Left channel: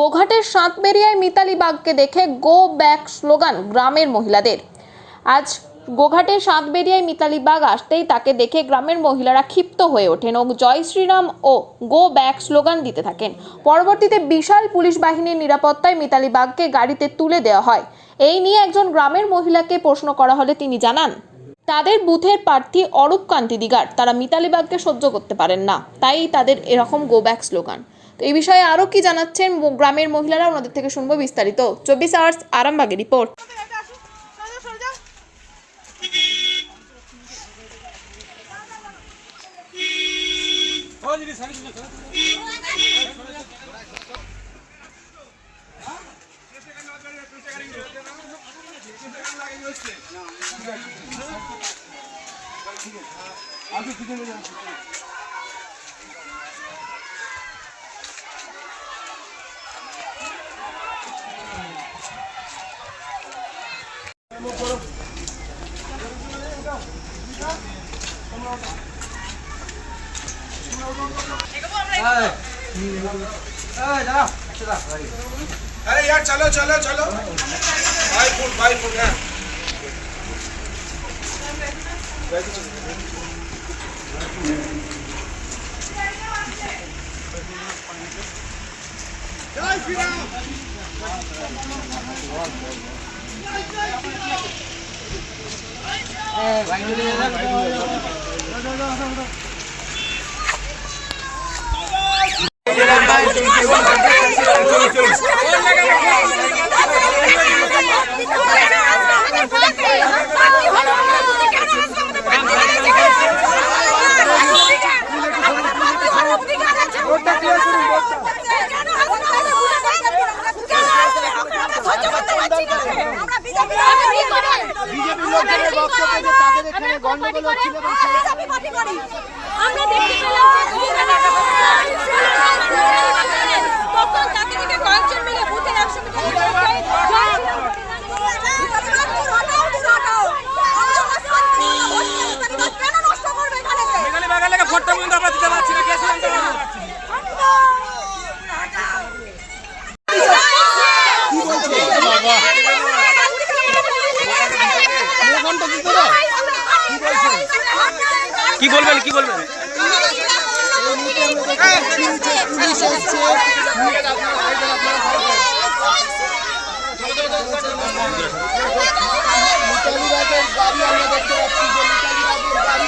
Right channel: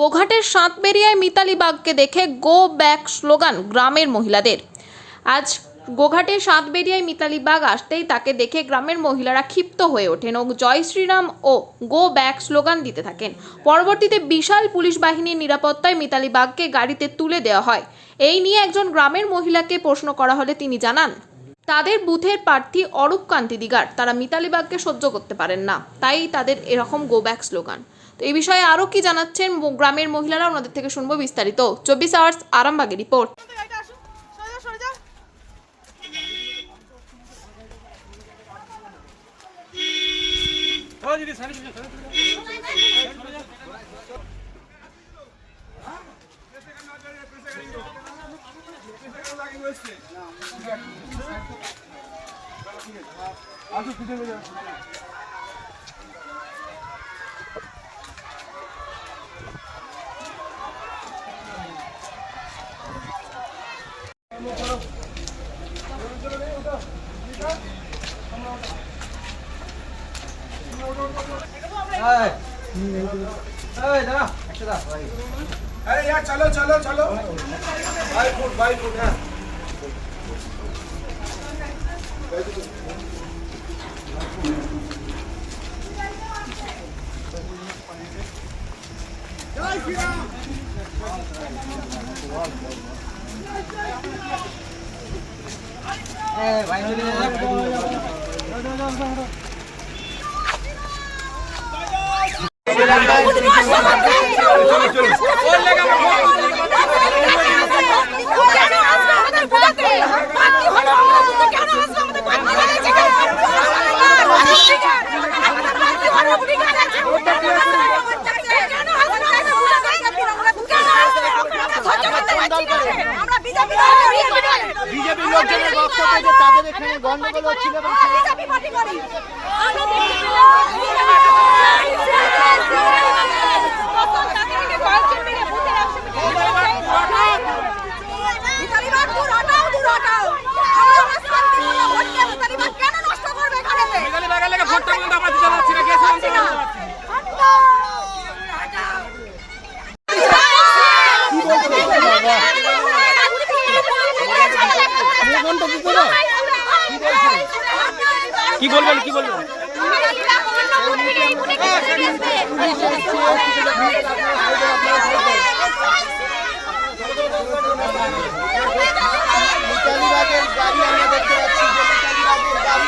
গোঘাটের সাতবেরিয়ায় মিতালি বাগকে দেখে go back slogan গ্রামের মহিলাদের। আজ গোঘাটের সাতবেরিয়ায় মিতালি বাগ আসতেই তাকে দেখে গ্রামের মহিলারা ক্ষিপ্ত হয়ে ওঠেন ও জয় শ্রীরাম ও গো ব্যাক স্লোগান দিতে থাকেন। পরবর্তীতে বিশাল পুলিশ বাহিনীর নিরাপত্তায় মিতালি বাগকে গাড়িতে তুলে দেওয়া হয়। এই নিয়ে একজন গ্রামের মহিলাকে প্রশ্ন করা হলে তিনি জানান, তাদের বুথের প্রার্থী অরূপ কান্তি দিগার, তারা মিতালি বাগকে সহ্য করতে পারেন না, তাই তাদের এরকম গো ব্যাক স্লোগান। তো এই বিষয়ে আরও কি জানাচ্ছেন গ্রামের মহিলারা, ওনাদের থেকে শুনবো বিস্তারিত। 24 আওয়ার্স আরামবাগের রিপোর্ট। अरे यार चलो चलो चलो 5 फुट है। বিজেপি লোকদের বক্তব্য যে তাদের এখানে গন্ডগোল হচ্ছিল, বিজেপি পার্টি করি আমরা দেখতে পেলাম কি বলবেন কি বলবেন? মিতালি বাগের গাড়ি আমরা দেখতে পাচ্ছি যে মিতালি বাগের গাড়ি